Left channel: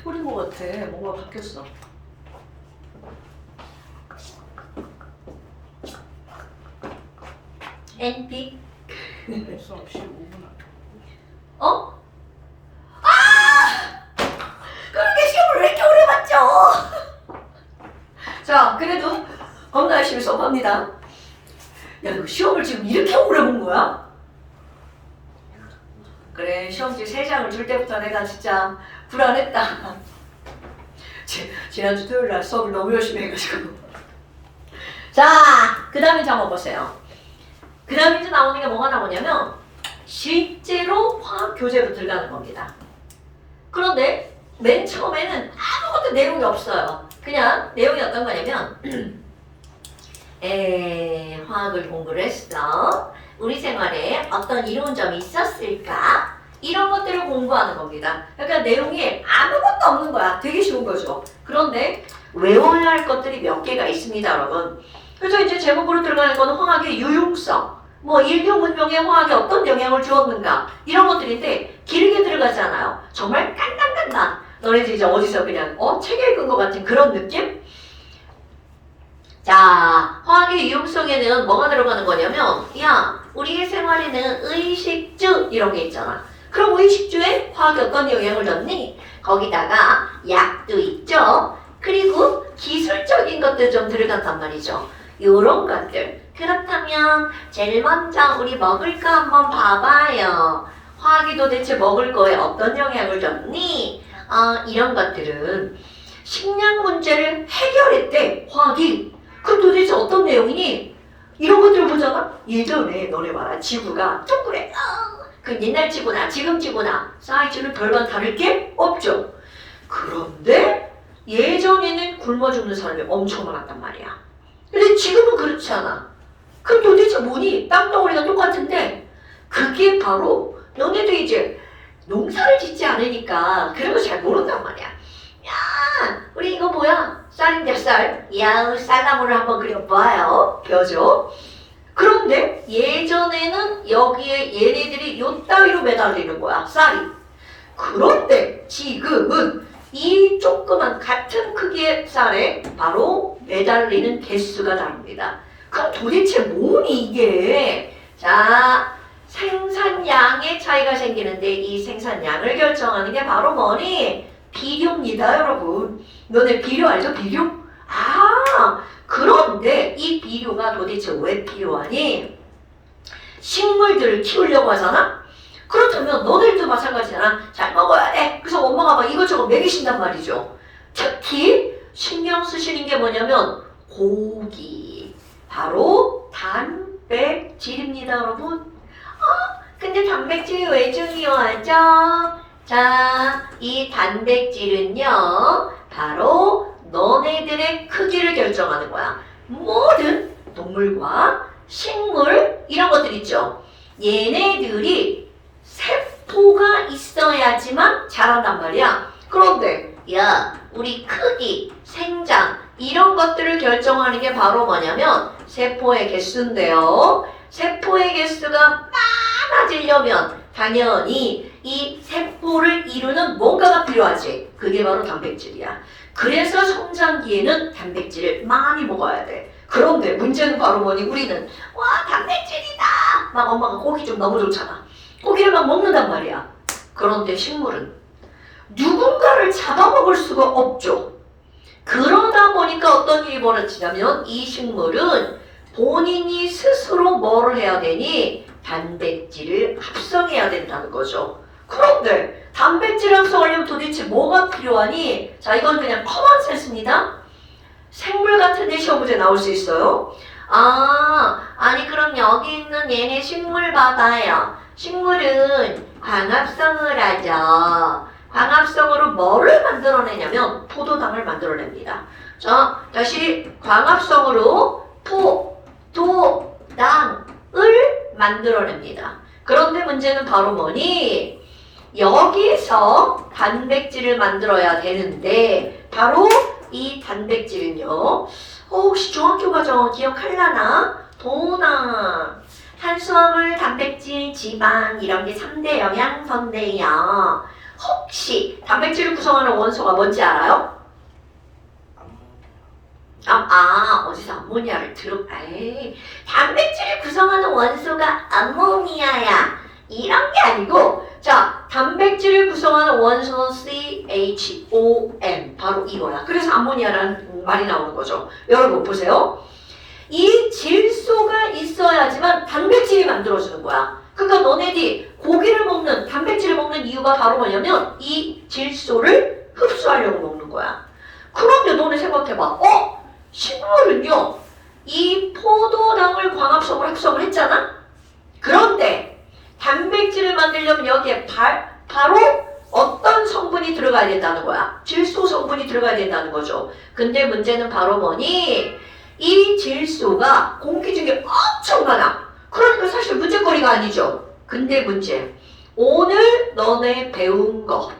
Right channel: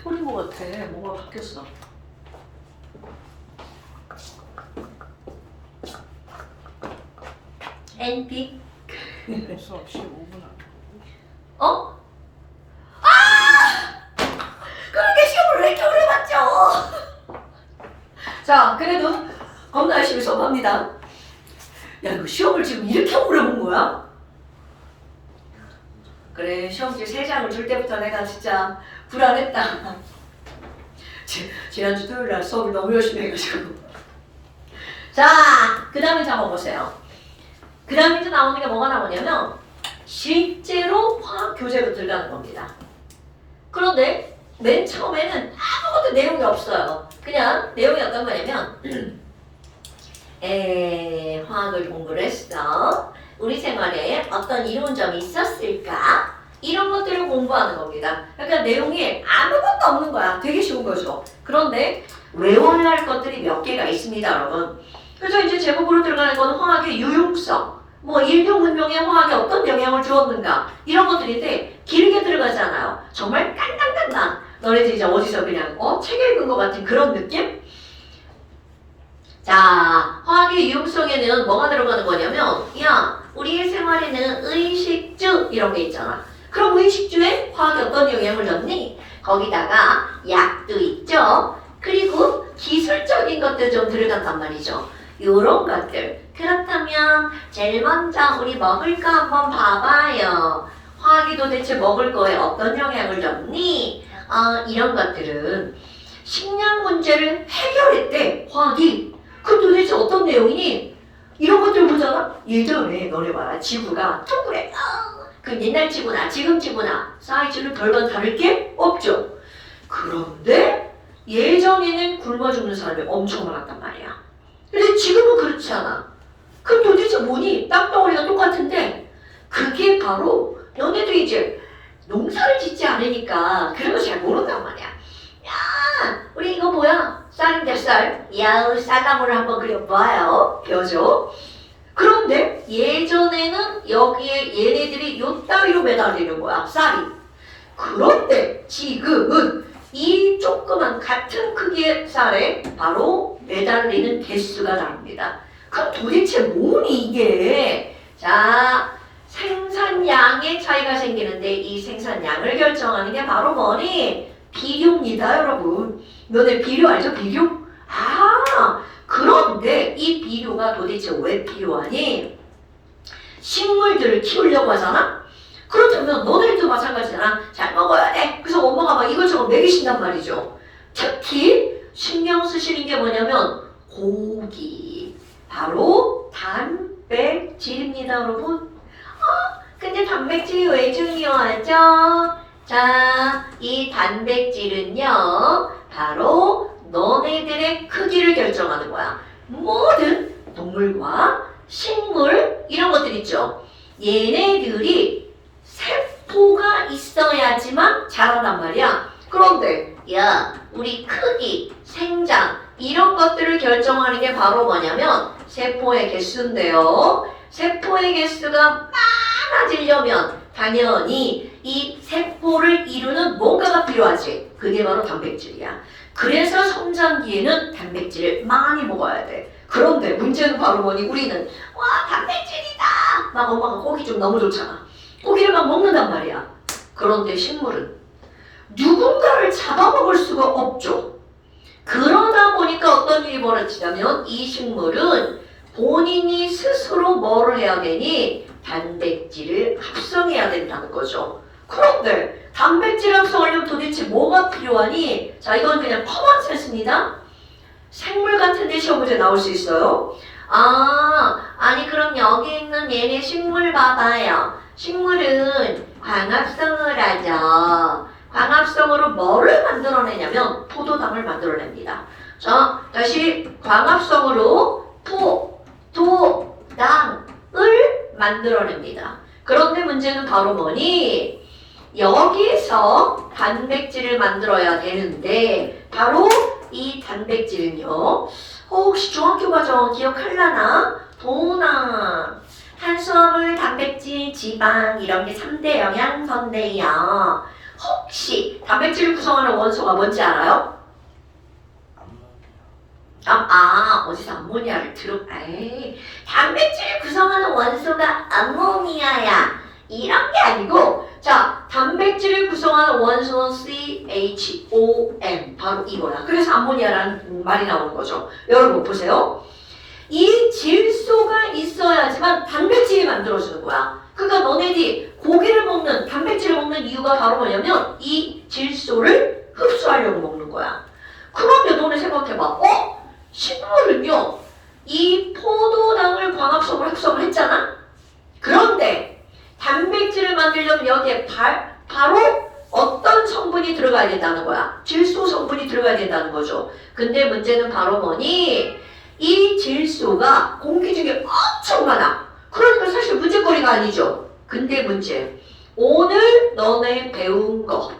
해버린 것 같아. 뭔가 바뀌었어. NP 수업 15분 어? 아! 그렇게 시험을 왜 이렇게 오래 봤죠? 자, 그래도 겁나 열심히 수업합니다. 야, 이거 시험을 지금 이렇게 오래 본 거야? 그래, 시험지 세 장을 줄 때부터 내가 진짜 불안했다. 지, 지난주 토요일 날 수업을 너무 열심히 해가지고. 자, 그 다음에 한번 보세요. 그 다음에 이제 나오는 게 뭐가 나오냐면, 실제로 화학 교재로 들어가는 겁니다. 그런데 맨 처음에는 아무것도 내용이 없어요. 그냥 내용이 어떤 거냐면 에, 화학을 공부를 했어. 우리 생활에 어떤 이론점이 있었을까? 이런 것들을 공부하는 겁니다. 그러니까 내용이 아무것도 없는 거야. 되게 쉬운 거죠. 그런데 외워야 할 것들이 몇 개가 있습니다, 여러분. 그래서 이제 제목으로 들어가는 거는 화학의 유용성, 뭐 인류 문명에 화학이 어떤 영향을 주었는가 이런 것들인데 길게 들어가잖아요. 정말 깐깐깐깐. 너네들 이제 어디서 그냥 어? 책 읽은 것 같은 그런 느낌? 자, 화학의 유용성에는 뭐가 들어가는 거냐면 야, 우리의 생활에는 의식주 이런 게 있잖아. 그럼 의식주에 화학이 어떤 영향을 줬니? 거기다가 약도 있죠. 그리고 기술적인 것도 좀 들어간단 말이죠. 요런 것들. 그렇다면 제일 먼저 우리 먹을 거 한번 봐봐요. 화학이 도대체 먹을 거에 어떤 영향을 줬니? 어, 이런 것들은 식량 문제를 해결했대, 화학이. 그럼 도대체 어떤 내용이니? 이런 것들 보잖아? 예전에 너네 봐라. 지구가 동그래. 어, 그 옛날 지구나 지금 지구나 사이즈는 별반 다를 게 없죠. 그런데 예전에는 굶어 죽는 사람이 엄청 많았단 말이야. 근데 지금은 그렇지 않아. 그럼 도대체 뭐니? 땅덩어리가 똑같은데 그게 바로 너네도 이제 농사를 짓지 않으니까 그런 거 잘 모른단 말이야. 야, 우리 이거 뭐야? 쌀인데 쌀. 야우 쌀나무를 한번 그려봐요. 벼죠. 그런데 예전에는 여기에 얘네들이 요 따위로 매달리는 거야. 쌀이. 그런데 지금은 이 조그만 같은 크기의 쌀에 바로 매달리는 개수가 다릅니다. 그럼 도대체 뭐니 이게? 자, 생산량의 차이가 생기는데 이 생산량을 결정하는 게 바로 뭐니? 비료입니다, 여러분. 너네 비료 알죠? 비료? 아, 그런 데이 비료가 도대체 왜 필요하니? 식물들을 키우려고 하잖아? 그렇다면 너네들도 마찬가지잖아. 잘 먹어야 돼. 그래서 엄마가 막 이것저것 먹이신단 말이죠. 특히 신경 쓰시는 게 뭐냐면 고기. 바로 단백질입니다, 여러분. 어, 근데 단백질이 왜 중요하죠? 자, 이 단백질은요, 바로 너네들의 크기를 결정하는 거야. 모든 동물과 식물, 이런 것들 있죠. 얘네들이 세포가 있어야지만 자란단 말이야. 그런데, 야, 우리 크기, 생장, 이런 것들을 결정하는 게 바로 뭐냐면 세포의 개수인데요. 세포의 개수가 많아지려면 당연히 이 세포를 이루는 뭔가가 필요하지. 그게 바로 단백질이야. 그래서 성장기에는 단백질을 많이 먹어야 돼. 그런데 문제는 바로 뭐니? 우리는 와 단백질이다. 막 엄마가 고기 좀 너무 좋잖아. 고기를 막 먹는단 말이야. 그런데 식물은 누군가를 잡아먹을 수가 없죠. 그러다 보니까 어떤 일이 벌어지냐면 이 식물은 본인이 스스로 뭐를 해야 되니 단백질을 합성해야 된다는 거죠. 그런데 단백질 합성하려면 도대체 뭐가 필요하니? 자 이건 그냥 커먼 센스입니다. 생물 같은 데 시험 문제 나올 수 있어요. 아 아니 그럼 여기 있는 얘네 식물 봐봐요. 식물은 광합성을 하죠. 광합성으로 뭐를 만들어내냐면 포도당을 만들어냅니다. 자, 다시 광합성으로 포, 도, 당을 만들어냅니다. 그런데 문제는 바로 뭐니? 여기서 단백질을 만들어야 되는데 바로 이 단백질은요. 혹시 중학교 과정 기억하려나? 도나 탄수화물, 단백질, 지방 이런 게 3대 영양소인데요. 혹시 단백질을 구성하는 원소가 뭔지 알아요? 아, 아 어디서 암모니아를 들어 에이 단백질을 구성하는 원소가 암모니아야 이런 게 아니고 자 단백질을 구성하는 원소는 CHON 바로 이거야 그래서 암모니아라는 말이 나오는 거죠. 여러분 보세요. 이 질소가 있어야지만 단백질이 만들어지는 거야. 그러니까 너네들이 고기를 먹는 단백질을 먹는 이유가 바로 뭐냐면 이 질소를 흡수하려고 먹는 거야. 그런데 너네 생각해봐. 어? 식물은요, 이 포도당을 광합성으로 합성을 했잖아? 만들려면 여기에 바, 바로 어떤 성분이 들어가야 된다는 거야? 질소 성분이 들어가야 된다는 거죠. 근데 문제는 바로 뭐니? 이 질소가 공기 중에 엄청 많아. 그러니까 사실 문제거리가 아니죠. 근데 문제. 오늘 너네 배운 거.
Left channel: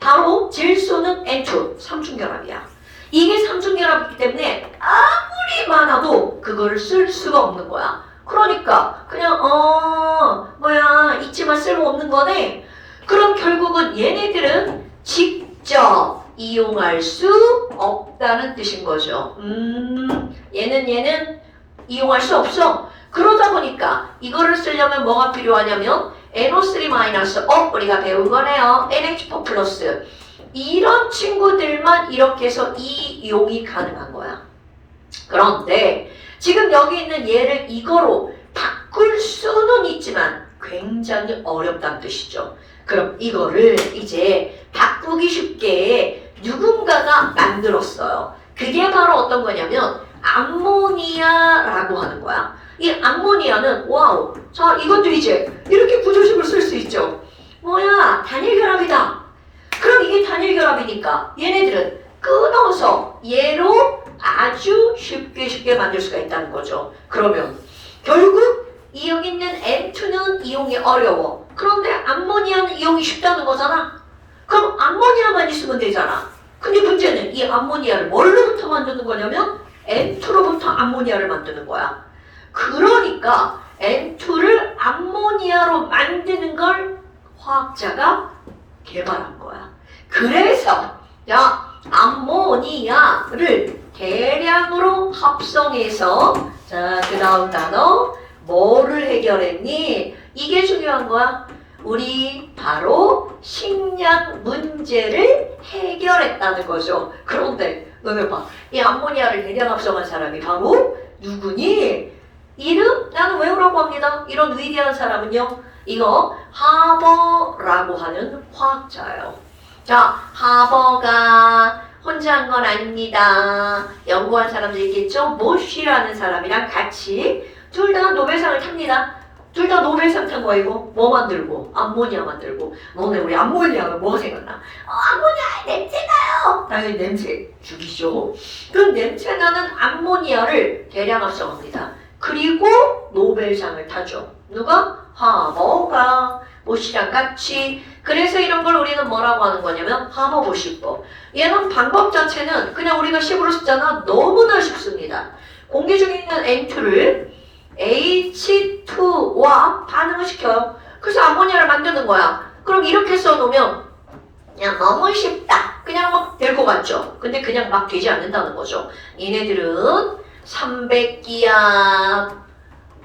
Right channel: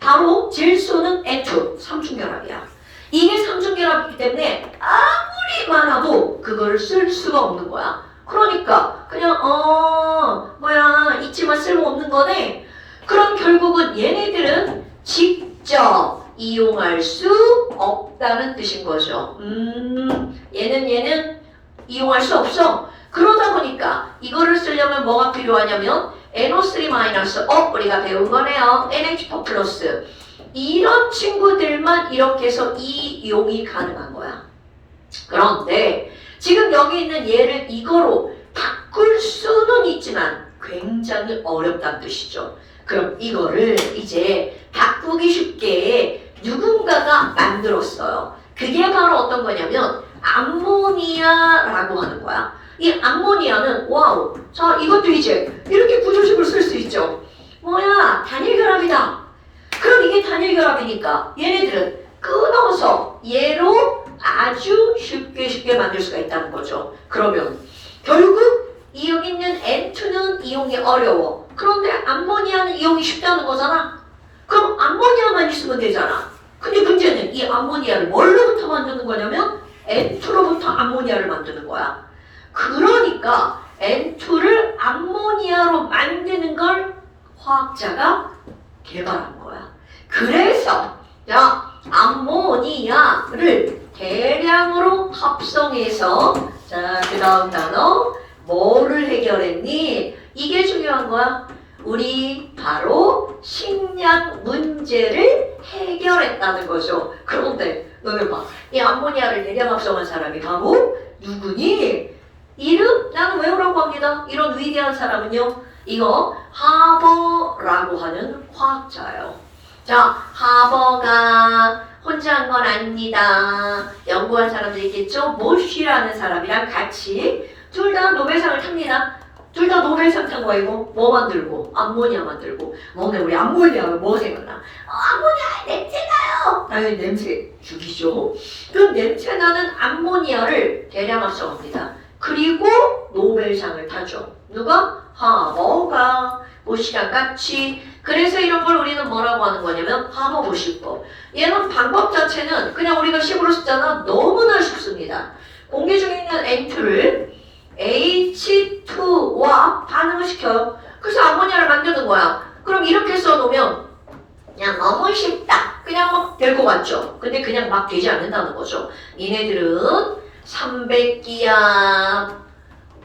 바로 질소는 N2, 삼중결합이야. 이게 삼중결합이기 때문에 아무리 많아도 그거를 쓸 수가 없는 거야. 그러니까 그냥 어 뭐야 있지만 쓸모없는 거네. 그럼 결국은 얘네들은 직접 이용할 수 없다는 뜻인 거죠. 음 얘는 얘는 이용할 수 없어. 그러다 보니까 이거를 쓰려면 뭐가 필요하냐면 NO3- 어 우리가 배운 거네요. NH4 플러스 이런 친구들만 이렇게 해서 이용이 가능한 거야. 그런데 지금 여기 있는 얘를 이거로 바꿀 수는 있지만 굉장히 어렵다는 뜻이죠. 그럼 이거를 이제 바꾸기 쉽게 누군가가 만들었어요. 그게 바로 어떤 거냐면 암모니아라고 하는 거야. 이 암모니아는 와우. 자 이것도 이제 이렇게 구조식을 쓸 수 있죠. 뭐야 단일 결합이다. 그럼 이게 단일 결합이니까 얘네들은 끊어서 얘로 아주 쉽게 쉽게 만들 수가 있다는 거죠. 그러면 결국 이 여기 있는 N2는 이용이 어려워. 그런데 암모니아는 이용이 쉽다는 거잖아. 그럼 암모니아만 있으면 되잖아. 근데 문제는 이 암모니아를 뭘로부터 만드는 거냐면 N2로부터 암모니아를 만드는 거야. 그러니까 N2를 암모니아로 만드는 걸 화학자가 개발한 거야. 그래서 야 암모니아를 대량으로 합성해서 자, 그 다음 단어 뭐를 해결했니? 이게 중요한 거야. 우리 바로 식량 문제를 해결했다는 거죠. 그런데 너네 봐. 이 암모니아를 대량 합성한 사람이 바로 누구니? 이름? 나는 외우라고 합니다. 이런 위대한 사람은요. 이거 하버라고 하는 화학자예요. 자, 하버가 혼자 한 건 아닙니다. 연구한 사람들 있겠죠? 모쉬라는 사람이랑 같이 둘 다 노벨상을 탑니다. 둘 다 노벨상 탄 거이고 뭐 만들고 암모니아 만들고 너네 우리 암모니아 뭐가 생각나? 어, 암모니아 냄새 나요. 당연히 냄새 죽이죠. 그 냄새 나는 암모니아를 대량 합성합니다. 그리고 노벨상을 타죠. 누가? 하버가 모씨랑 같이 그래서 이런 걸 우리는 뭐라고 하는 거냐면 하버 모시법 얘는 방법 자체는 그냥 우리가 식으로 쓰잖아 너무나 쉽습니다 공기 중에 있는 N2를 H2와 반응을 시켜요 그래서 아모니아를 만드는 거야 그럼 이렇게 써놓으면 그냥 너무 쉽다 그냥 막 될 것 같죠 근데 그냥 막 되지 않는다는 거죠 얘네들은 300기압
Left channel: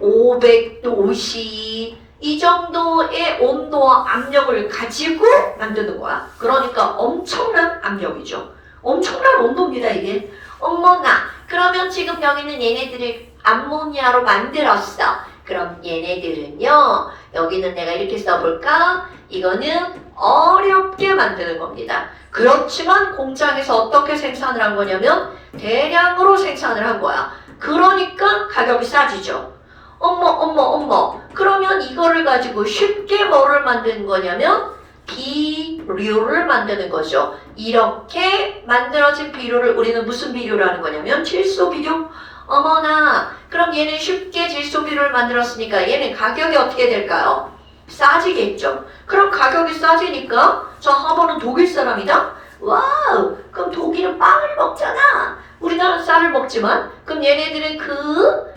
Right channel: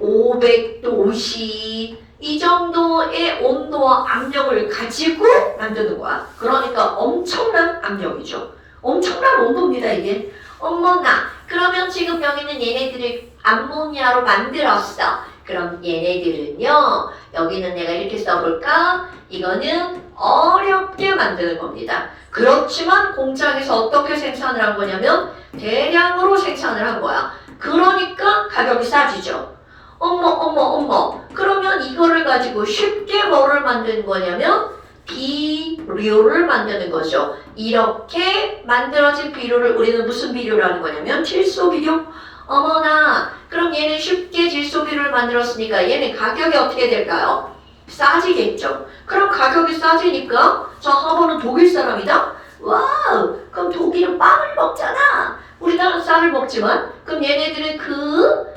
500도씨 이 정도의 온도와 압력을 가지고 만드는 거야. 그러니까 엄청난 압력이죠. 엄청난 온도입니다, 이게. 어머나, 그러면 지금 여기는 얘네들을 암모니아로 만들었어. 그럼 얘네들은요, 여기는 내가 이렇게 써볼까? 이거는 어렵게 만드는 겁니다. 그렇지만 공장에서 어떻게 생산을 한 거냐면 대량으로 생산을 한 거야. 그러니까 가격이 싸지죠. 어머 어머 어머 그러면 이거를 가지고 쉽게 뭐를 만드는 거냐면 비료를 만드는 거죠 이렇게 만들어진 비료를 우리는 무슨 비료라는 거냐면 질소 비료 어머나 그럼 얘는 쉽게 질소 비료를 만들었으니까 얘는 가격이 어떻게 될까요? 싸지겠죠 그럼 가격이 싸지니까 저 하버는 독일 사람이다 와우 그럼 독일은 빵을 먹잖아 우리나라는 쌀을 먹지만 그럼 얘네들은 그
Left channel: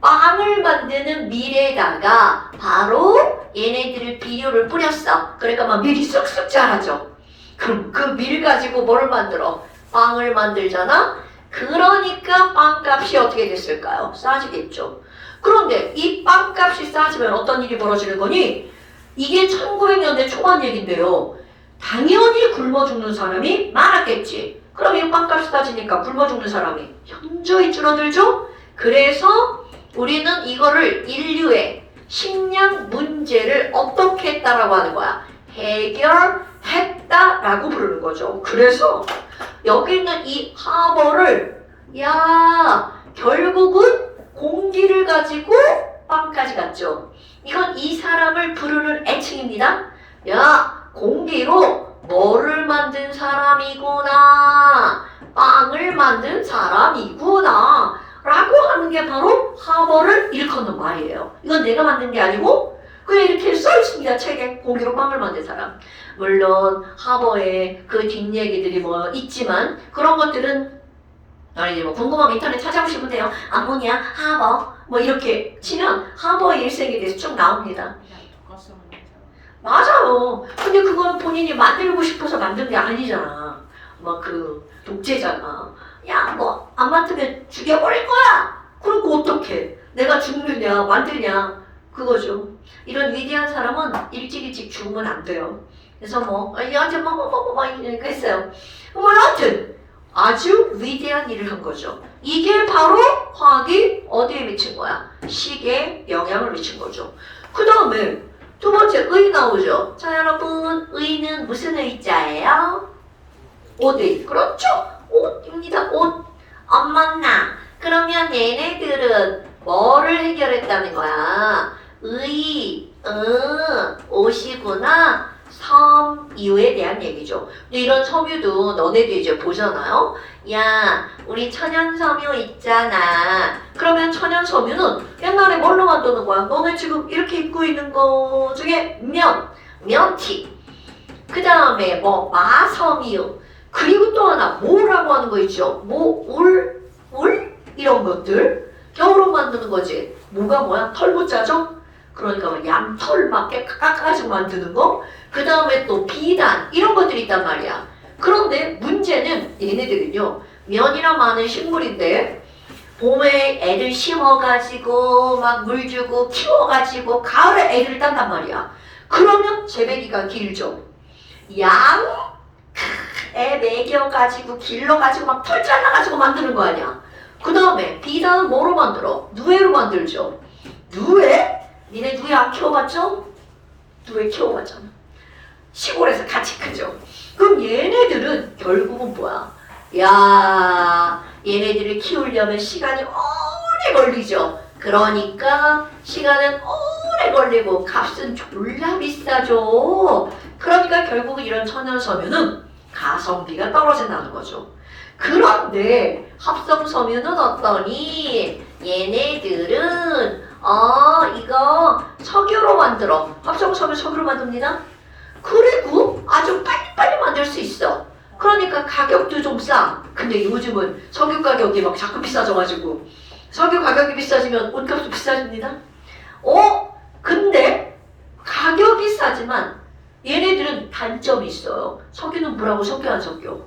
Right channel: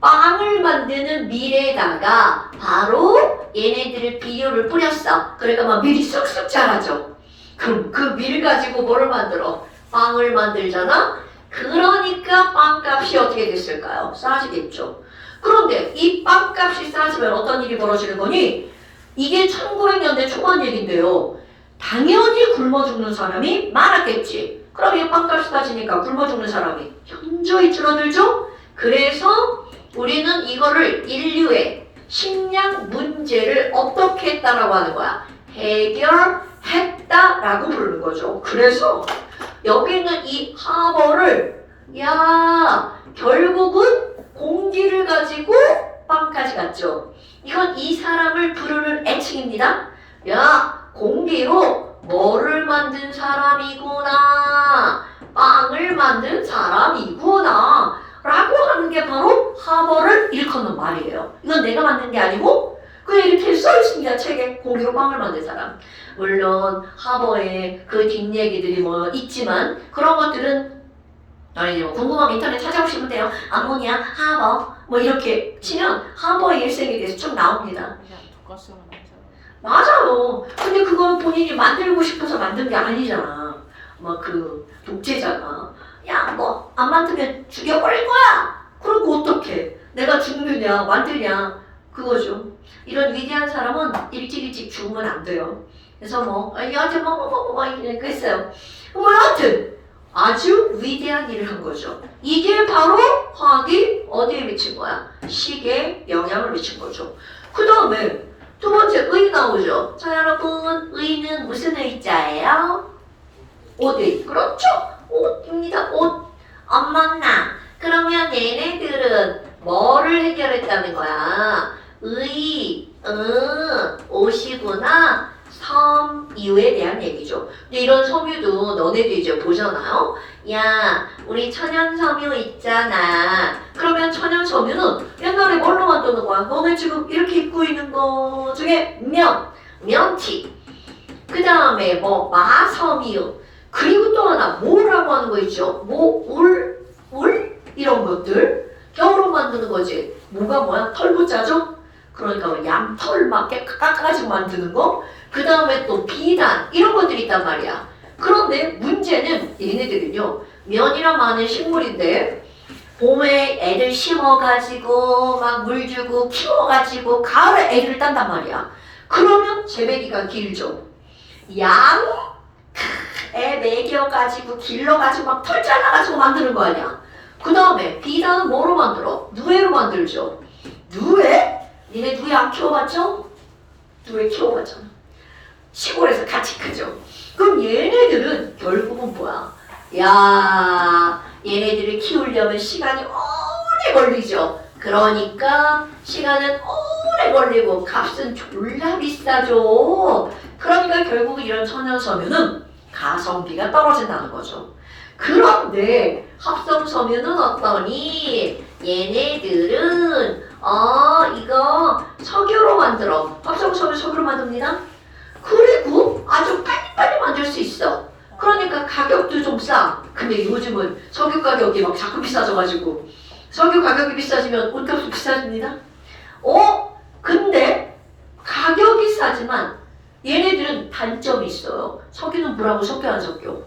빵을 만드는 밀에다가 바로 얘네들을 비료를 뿌렸어. 그러니까 막 밀이 쑥쑥 자라죠. 그럼 그 밀 가지고 뭐를 만들어? 빵을 만들잖아? 그러니까 빵값이 어떻게 됐을까요? 싸지겠죠. 그런데 이 빵값이 싸지면 어떤 일이 벌어지는 거니? 이게 1900년대 초반 얘긴데요. 당연히 굶어 죽는 사람이 많았겠지. 그럼 이 빵값이 싸지니까 굶어 죽는 사람이 현저히 줄어들죠? 그래서 우리는 이거를 인류의 식량 문제를 어떻게 했다라고 하는 거야? 해결 했다라고 부르는 거죠. 그래서 여기 있는 이 하버를 야 결국은 공기를 가지고 빵까지 갔죠. 이건 이 사람을 부르는 애칭입니다. 야 공기로 뭐를 만든 사람이구나 빵을 만든 사람이구나 라고 하는 게 바로 하버를 일컫는 말이에요. 이건 내가 만든 게 아니고 그냥 이렇게 써 있습니다. 책에 공기로 빵을 만든 사람. 물론 하버의 그 뒷얘기들이 뭐 있지만 그런 것들은 아니 뭐 궁금하면 인터넷 찾아보시면 돼요. 아모니아, 하버 뭐 이렇게 치면 하버의 일생에 대해서 쭉 나옵니다. 맞아요. 근데 그건 본인이 만들고 싶어서 만든 게 아니잖아. 막 그 독재자가 야 뭐 안 만들면 죽여버릴 거야. 그러고 어떡해? 내가 죽느냐 만들냐 그거죠. 이런 위대한 사람은 일찍 일찍 죽으면 안 돼요. 그래서 뭐 얘한테 뭐뭐뭐뭐 이러니까 했어요. 뭐 하여튼 아주 위대한 일을 한 거죠. 이게 바로 화학이 어디에 미친 거야? 식에 영향을 미친 거죠. 그 다음에 두 번째 의 나오죠. 자 여러분 의는 무슨 의자예요? 옷의 그렇죠. 옷입니다. 옷. 엄마나 그러면 얘네들은 뭐를 해결했다는 거야? 의, 응, 옷이구나. 섬유에 대한 얘기죠. 근데 이런 섬유도 너네도 이제 보잖아요. 야, 우리 천연 섬유 있잖아. 그러면 천연 섬유는 옛날에 뭘로 만드는 거야? 너네 지금 이렇게 입고 있는 거 중에 면, 면티. 그 다음에 뭐 마섬유. 그리고 또 하나 뭐라고 하는 거 있죠? 뭐, 울, 울? 이런 것들. 겨울로 만드는 거지. 뭐가 뭐야? 털보자죠? 그러니까 뭐 양털 막 깎아가지고 만드는 거. 그 다음에 또 비단 이런 것들이 있단 말이야. 그런데 문제는 얘네들은요 면이랑 많은 식물인데 봄에 애들 심어가지고 막 물 주고 키워가지고 가을에 애들을 딴단 말이야. 그러면 재배기가 길죠. 양 애 먹여가지고 길러가지고 막 털 잘라가지고 만드는 거 아니야. 그 다음에 비단은 뭐로 만들어? 누에로 만들죠. 누에? 니네 누에 안 키워봤죠? 누에 키워봤잖아. 시골에서 같이 크죠. 그럼 얘네들은 결국은 뭐야? 야, 얘네들을 키우려면 시간이 오래 걸리죠. 그러니까 시간은 오래 걸리고 값은 졸라 비싸죠. 그러니까 결국 이런 천연섬유는 가성비가 떨어진다는 거죠. 그런데 합성섬유는 어떠니? 얘네들은 어 이거 석유로 만들어. 합성섬유 석유로 만듭니다. 그리고 아주 빨리빨리 만들 수 있어. 그러니까 가격도 좀 싸. 근데 요즘은 석유 가격이 막 자꾸 비싸져가지고 석유 가격이 비싸지면 옷값도 비싸집니다. 어? 근데 가격이 싸지만 얘네들은 단점이 있어요. 석유는 물하고 섞여 안 섞여?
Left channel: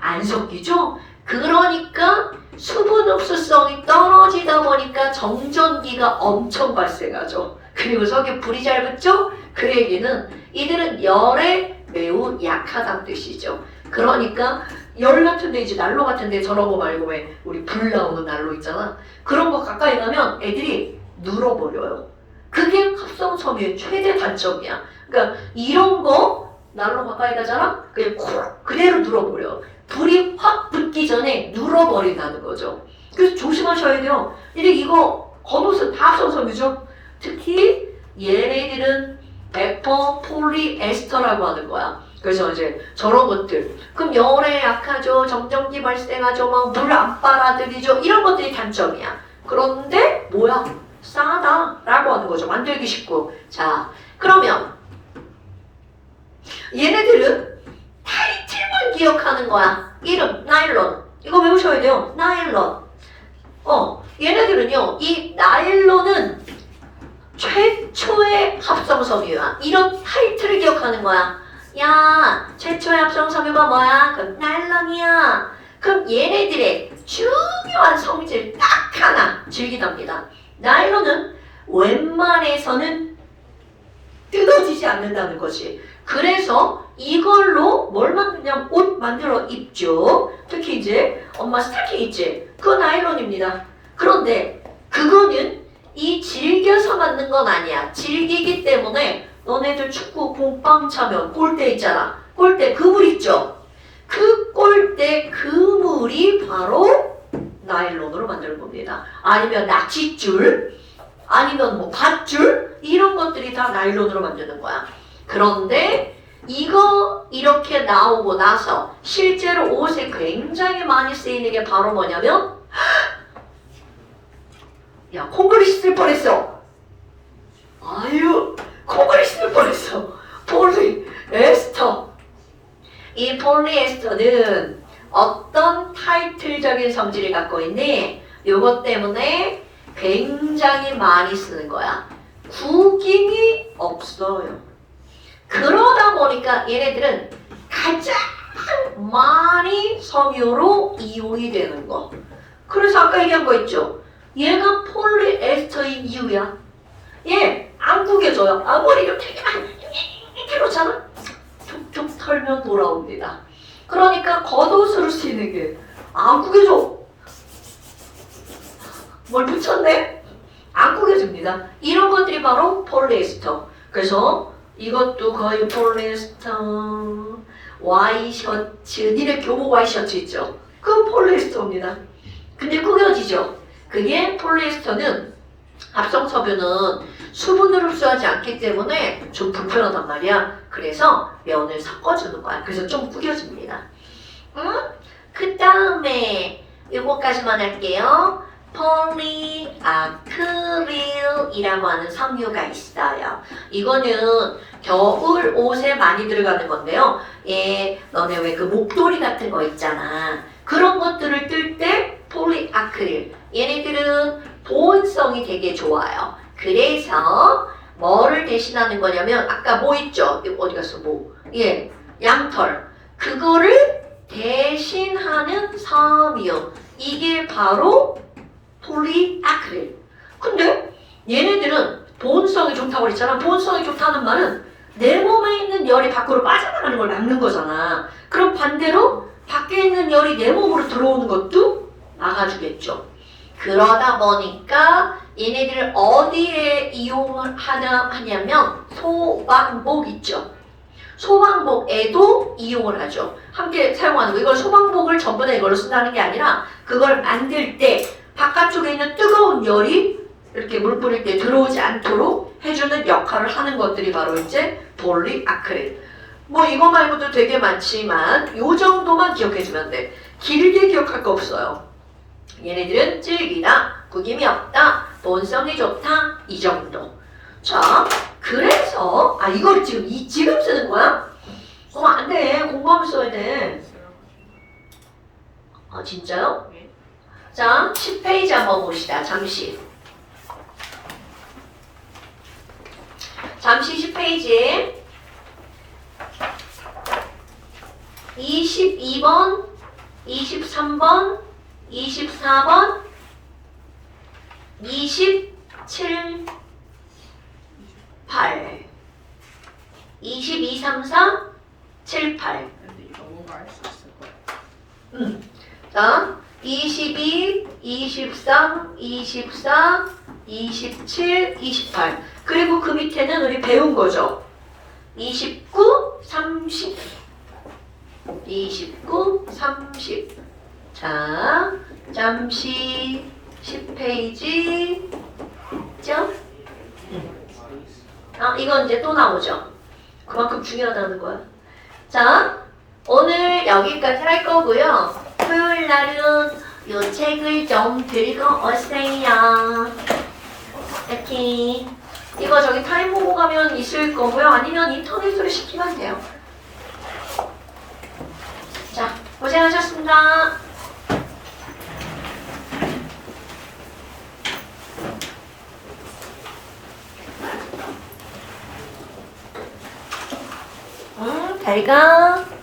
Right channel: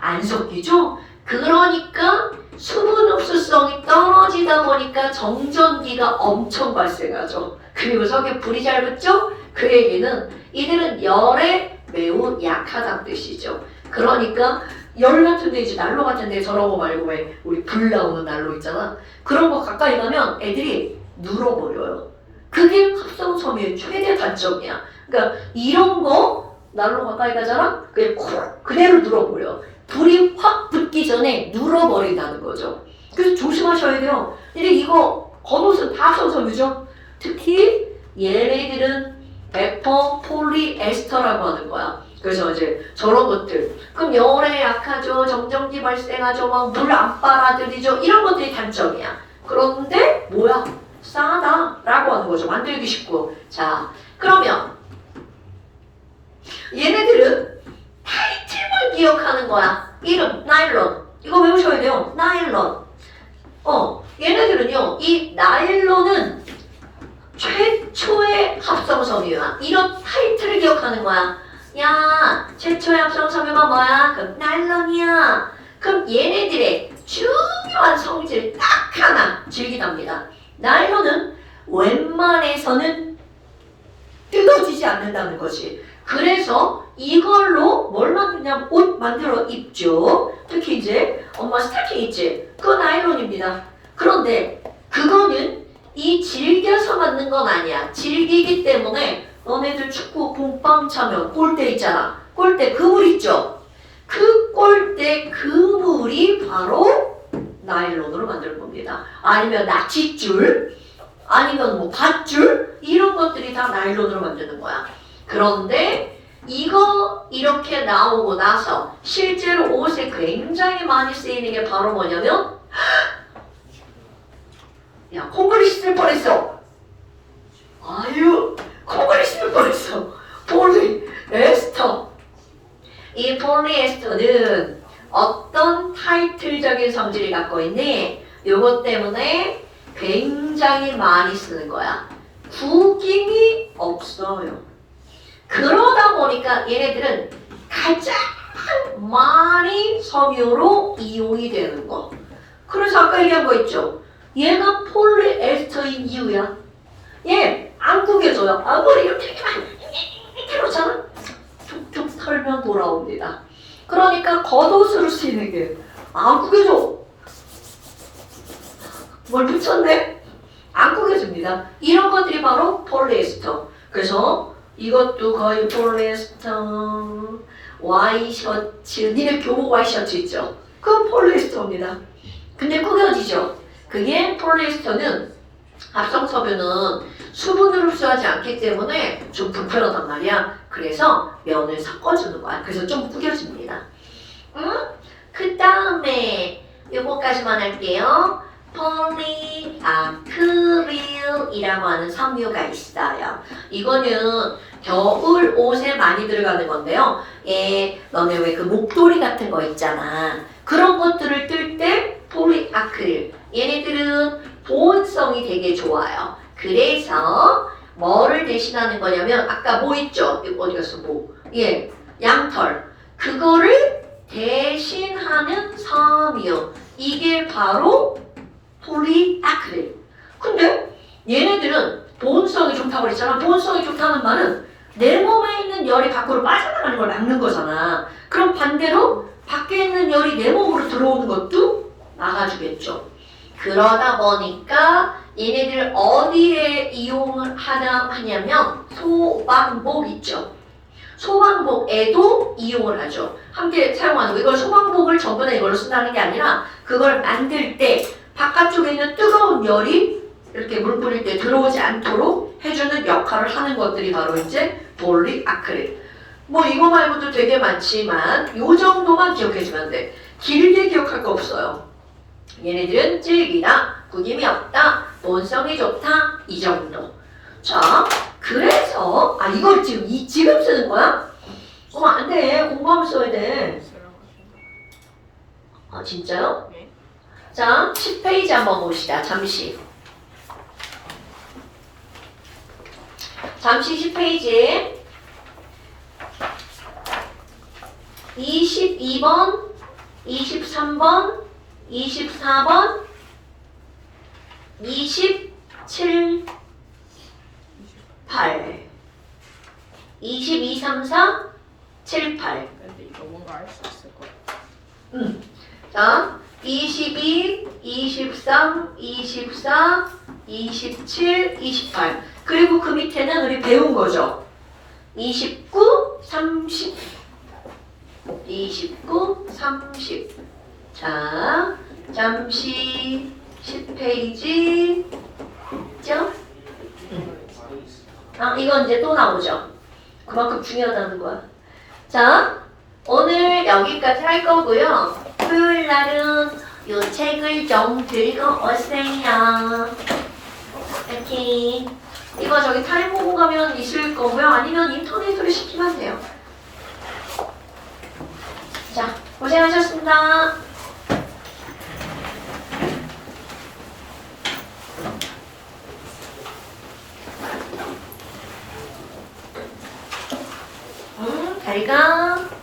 안 섞이죠? 그러니까 수분 흡수성이 떨어지다 보니까 정전기가 엄청 발생하죠. 그리고 석유 불이 잘 붙죠? 그 얘기는 이들은 열에 매우 약하다는 뜻이죠. 그러니까 열 같은 데 이제 난로 같은 데 저런 거 말고 왜 우리 불 나오는 난로 있잖아. 그런 거 가까이 가면 애들이 눌어버려요. 그게 합성섬유의 최대 단점이야. 그러니까 이런 거 난로 가까이 가잖아. 그냥 콜 그대로 눌어버려. 불이 확 붙기 전에 눌어버린다는 거죠. 그래서 조심하셔야 돼요. 근데 이거 겉옷은 다 합성섬유죠. 특히 얘네들은 베퍼 폴리에스터라고 하는 거야. 그래서 이제 저런 것들. 그럼 열에 약하죠 정전기 발생하죠 막 물 안 빨아들이죠 이런 것들이 단점이야. 그런데 뭐야? 싸다라고 하는 거죠. 만들기 쉽고. 자 그러면 얘네들은 타이틀만 기억하는 거야. 이름 나일론. 이거 외우셔야 돼요. 나일론. 어 얘네들은요 이 나일론은 최초의 합성섬유야. 이런 타이틀을 기억하는 거야. 야, 최초의 합성섬유가 뭐야? 그럼 나일론이야. 그럼 얘네들의 중요한 성질 딱 하나 즐기답니다. 나일론은 웬만해서는 뜯어지지 않는다는 거지. 그래서 이걸로 뭘 만드냐면 옷 만들어 입죠. 특히 이제 엄마 스타킹 있지. 그거 나일론입니다. 그런데 그거는 이 즐겨서 만든 건 아니야. 즐기기 때문에 너네들 축구 공빵 차면 골대 있잖아. 골대 그물 있죠. 그 골대 그물이 바로 나일론으로 만드는 겁니다. 아니면 낚싯줄, 아니면 뭐 밧줄 이런 것들이 다 나일론으로 만드는 거야. 그런데 이거 이렇게 나오고 나서 실제로 옷에 굉장히 많이 쓰이는 게 바로 뭐냐면 야 콩글리 씻을 뻔했어. 아유 콩글리 씻을 뻔했어. 폴리 에스터. 이 폴리에스터는 어떤 타이틀적인 성질을 갖고 있니? 이것 때문에 굉장히 많이 쓰는 거야. 구김이 없어요. 그러다 보니까 얘네들은 가장 많이 섬유로 이용이 되는 거. 그래서 아까 얘기한 거 있죠. 얘가 폴리에스터인 이유야. 얘 안 구겨져요. 아무리 이렇게 이렇게 그러잖아. 툭툭 털면 돌아옵니다. 그러니까 겉옷으로 쓰이는 게 안 구겨져. 뭘 붙였네? 안 구겨집니다. 이런 것들이 바로 폴리에스터. 그래서 이것도 거의 폴리에스터 와이셔츠 니네 교복 와이셔츠 있죠? 그건 폴리에스터입니다. 근데 구겨지죠? 그게 폴리에스터는 합성 섬유는 수분을 흡수하지 않기 때문에 좀 불편하단 말이야. 그래서 면을 섞어주는 거야. 그래서 좀 구겨집니다. 응? 그 다음에 요거까지만 할게요. 폴리아크릴이라고 하는 섬유가 있어요. 이거는 겨울 옷에 많이 들어가는 건데요. 예, 너네 왜 그 목도리 같은 거 있잖아. 그런 것들을 뜰 때 폴리아크릴. 얘네들은 보온성이 되게 좋아요. 그래서 뭐를 대신하는 거냐면 아까 뭐 있죠? 어디 갔어? 뭐? 예, 양털. 그거를 대신하는 섬유. 이게 바로 폴리아크릴. 근데 얘네들은 보온성이 좋다고 그랬잖아. 보온성이 좋다는 말은 내 몸에 있는 열이 밖으로 빠져나가는 걸 막는 거잖아. 그럼 반대로 밖에 있는 열이 내 몸으로 들어오는 것도 막아주겠죠. 그러다 보니까 얘네들 어디에 이용을 하나 하냐면 소방복 있죠. 소방복에도 이용을 하죠. 함께 사용하는 거. 이걸 소방복을 전부 다 이걸로 쓴다는 게 아니라 그걸 만들 때 바깥쪽에 있는 뜨거운 열이 이렇게 물 뿌릴 때 들어오지 않도록 해주는 역할을 하는 것들이 바로 이제 폴리아크릴. 뭐 이거 말고도 되게 많지만 요 정도만 기억해주면 돼. 길게 기억할 거 없어요. 얘네들은 질기다, 구김이 없다, 본성이 좋다 이 정도. 자, 그래서 아 이걸 지금 이 지금 쓰는 거야? 어 안돼 공부하면 써야 돼. 아 진짜요? 네. 자, 10페이지 한번 봅시다. 잠시. 잠시 10페이지. 22번, 23번, 24번, 27, 8. 22, 3, 4, 7, 8. 근데 이거 뭔가 알수 있을 거야. 자, 22, 23, 24, 27, 28. 그리고 그 밑에는 우리 배운 거죠. 29, 30. 29, 30. 자, 잠시 10페이지. 죠? 아, 이건 이제 또 나오죠. 그만큼 중요하다는 거야. 자, 오늘 여기까지 할 거고요. 토요일 날은 요 책을 좀 들고 오세요. 이렇게 이거 저기 타임 보고 가면 있을 거고요. 아니면 인터넷으로 시키면 돼요. 자, 고생하셨습니다. Oregon.